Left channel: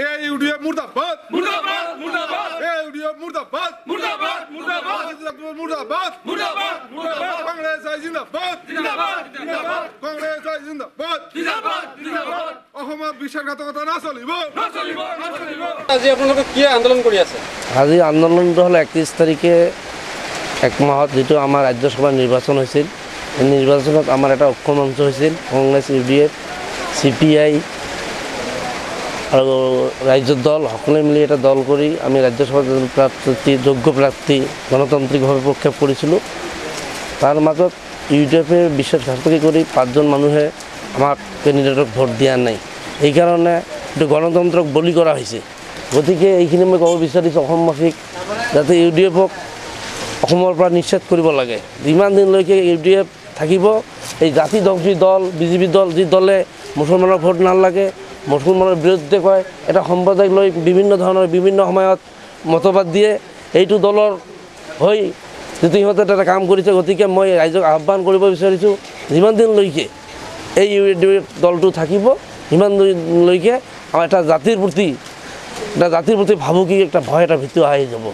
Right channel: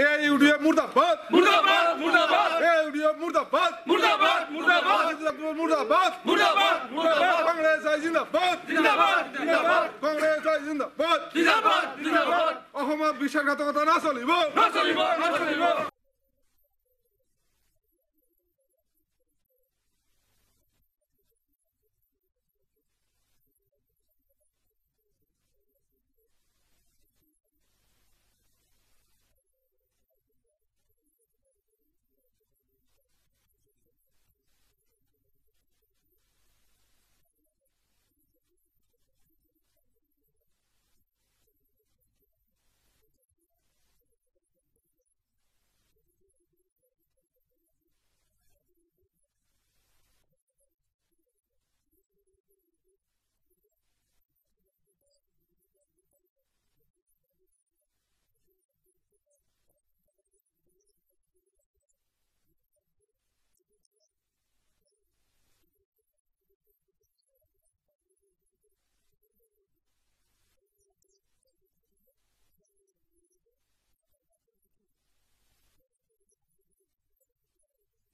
UDF মুর্দাবাদ মুর্দাবাদ মুর্দাবাদ UDF মুর্দাবাদ মুর্দাবাদ মুর্দাবাদ মুর্দাবাদ মুর্দাবাদ মুর্দাবাদ Congress জিন্দাবাদ জিন্দাবাদ জিন্দাবাদ কংগ্রেস জিন্দাবাদ জিন্দাবাদ জিন্দাবাদ অসমত বিশ্বাসঘাতকতা না চলিব না চলিব না চলিব আজি আপোনালোকে কি আন্দোলন কৰি আছে? আজি আন্দোলনটো হ'ল 31 তাৰিখে এক মাহত যেটো আমাৰ ৰাজ্যসভা নিৰ্বাচন হৈছিল। এই নিৰ্বাচনত আমাৰ এটা ঐক্য মঞ্চ হৈছিল, কংগ্ৰেছ ইউডিএফ সিপিআই আৰু ৰাজ্যৰ দল সকলোৱে মিলি এটা দল কৰি আমি ৰাজ্যসভা প্ৰাৰ্থী যোগ্য প্ৰাৰ্থী গণতান্ত্ৰিকভাৱে প্ৰক্ষেপ কৰিছিলোঁ। তাৰ মাজত ইউডিএফে বিশ্বাসঘাতকতা কৰি 5জন মানুহে আমাক কেণ্ডিডেটক ভোট দিয়া নাই। এইকাৰণে এইটো গণতন্ত্ৰক বলি কৰা হৈছে। গতিকে এইখিনি মই ক'ব বিচাৰিছোঁ অসমবাসীক, যাতে ইউডিএফক অসমৰ পৰা নিশ্চিত কৰিব লাগে। যিমান দিনলৈকে ইউডিএফ থাকিব, এই জাতিধ্বংসী দল বিজেপি দল, যি দলে মুছলমানৰ ভোট নালাগে, মুছলমানৰ বিৰুদ্ধে কয়, এটা সম্প্ৰদায়ক লৈ বিভিন্ন ধৰণৰ বিভিন্ন সময়ত মতবাদ দিয়ে, এইটো দলৰ হৈ যিটো সিহঁতে এটা কাম কৰিছে। গতিকে মই ৰাইজক আহ্বান কৰিব বিচাৰিছোঁ, যিমান দিনলৈকে এই ইউডিএফ দলটো থাকিব, সিমান দিনলৈকে আমাৰ এটা জাতিৰ প্ৰতি ভাবুকি এটা ভয় এটা ভীতি আহি যাব।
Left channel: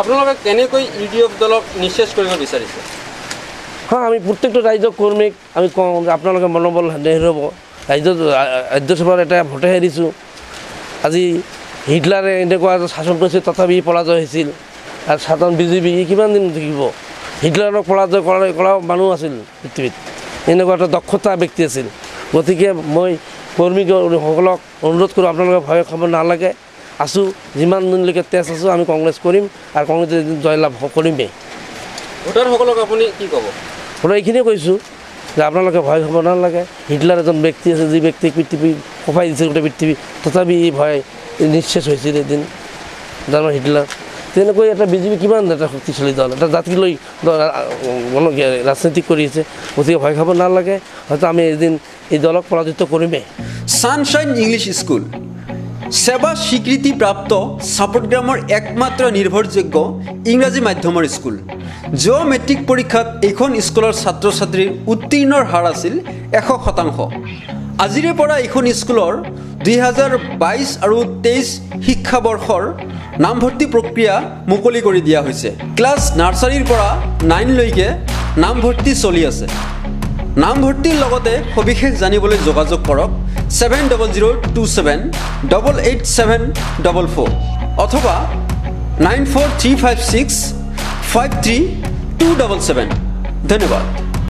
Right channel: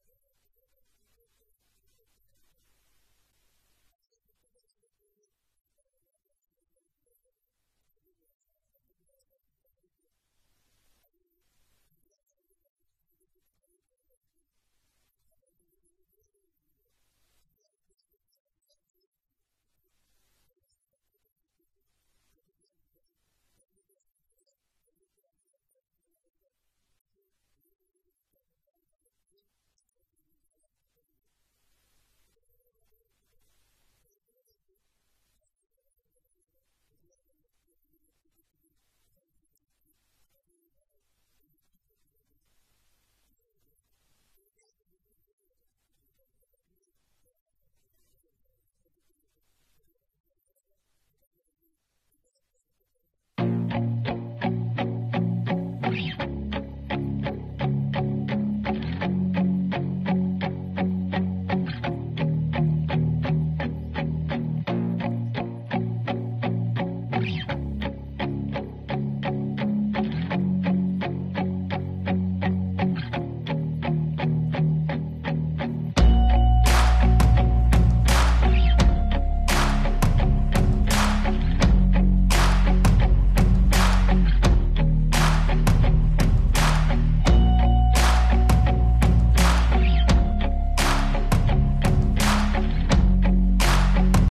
আপোনালোকে কেনেকৈ ইউডিএফ দলক নিশ্চেষ কৰিব বিচাৰিছে? হ্যাঁ, আমি প্ৰত্যেকটো ৰাইজক কৰ্মীক আমি কওঁ যে আপোনালোকে মনোবল নেহেৰুৱাব। ৰাজ্যসভাৰ এটা ভোটে হেৰিছোঁ। আজি হিটলাৰে এনেকুৱা শাসন কৰিছিল, তথাপি পৰাজয় হৈছিল। আৰু সাধাৰণ বিজেপি কিমান দিন থাকিব? হিটলাৰক পৰাজয় কৰা মানুহ আছিল পৃথিৱীত, এনেকুৱা এটা দক্ষতা ব্যক্তি আছিল। গতিকে মই কৰ্মীসকলক অনুৰোধ কৰোঁ, আপোনালোকে ভয় খাব নালাগে। আছোঁ, যিমান দিনলৈকে তেজ আছোঁ আমি কংগ্ৰেছ কৰিম আৰু কংগ্ৰেছে জয়লাভ কৰিমেই। ভোটাৰসকলক আপুনি কি ক'ব? মই এইখিনিয়ে কৈছোঁ যে আপোনালোকে ভয় খাব নালাগে। হিটলাৰ এজন ব্যক্তি আছে, যি ব্যক্তিক পৃথিৱী কঁপাই দিছিল গোটেই পৃথিৱী, তথাপি এই ভয় নিশ্চেষ হৈছিল এদিন জানো হিটলাৰ। তেনেকৈ এটা বিজেপি কিমান এটা শক্তিশালী দল, এটা জাতি লৈ ৰাজনীতি কৰি আছে। গতিকে ভয় খাব নালাগে, হয়তো আমি এদিন এই দলক পৰাজিত কৰিমেই। সানশাইন ইংলিছ স্কুল সেৱা স্বীকৃতিপ্ৰাপ্ত চাপটগ্ৰামৰ একমাত্ৰ নিৰ্ভৰযোগ্য ইংৰাজী মাধ্যমৰ স্কুল। যোৱা মেট্ৰিক পৰীক্ষাত এইখন স্কুলৰ ছাত্ৰ ছাত্ৰীৰ উত্তীৰ্ণৰ হাৰ আছিল 100%। আজিৰে পৰা এইখন স্কুলৰ 2022 আৰু 23 শিক্ষাবৰ্ষৰ নামভৰ্তি প্ৰক্ৰিয়া মুকলি কৰি দিয়া হৈছে। ক্লাছ নাৰ্চাৰীৰ পৰা 9লৈকে নামভৰ্তি চলি আছে। নামভৰ্তিৰ লগতে সবিশেষ জানিবলৈ যোগাযোগ কৰক 7027888744 অথবা 9435653 277। ধন্যবাদ।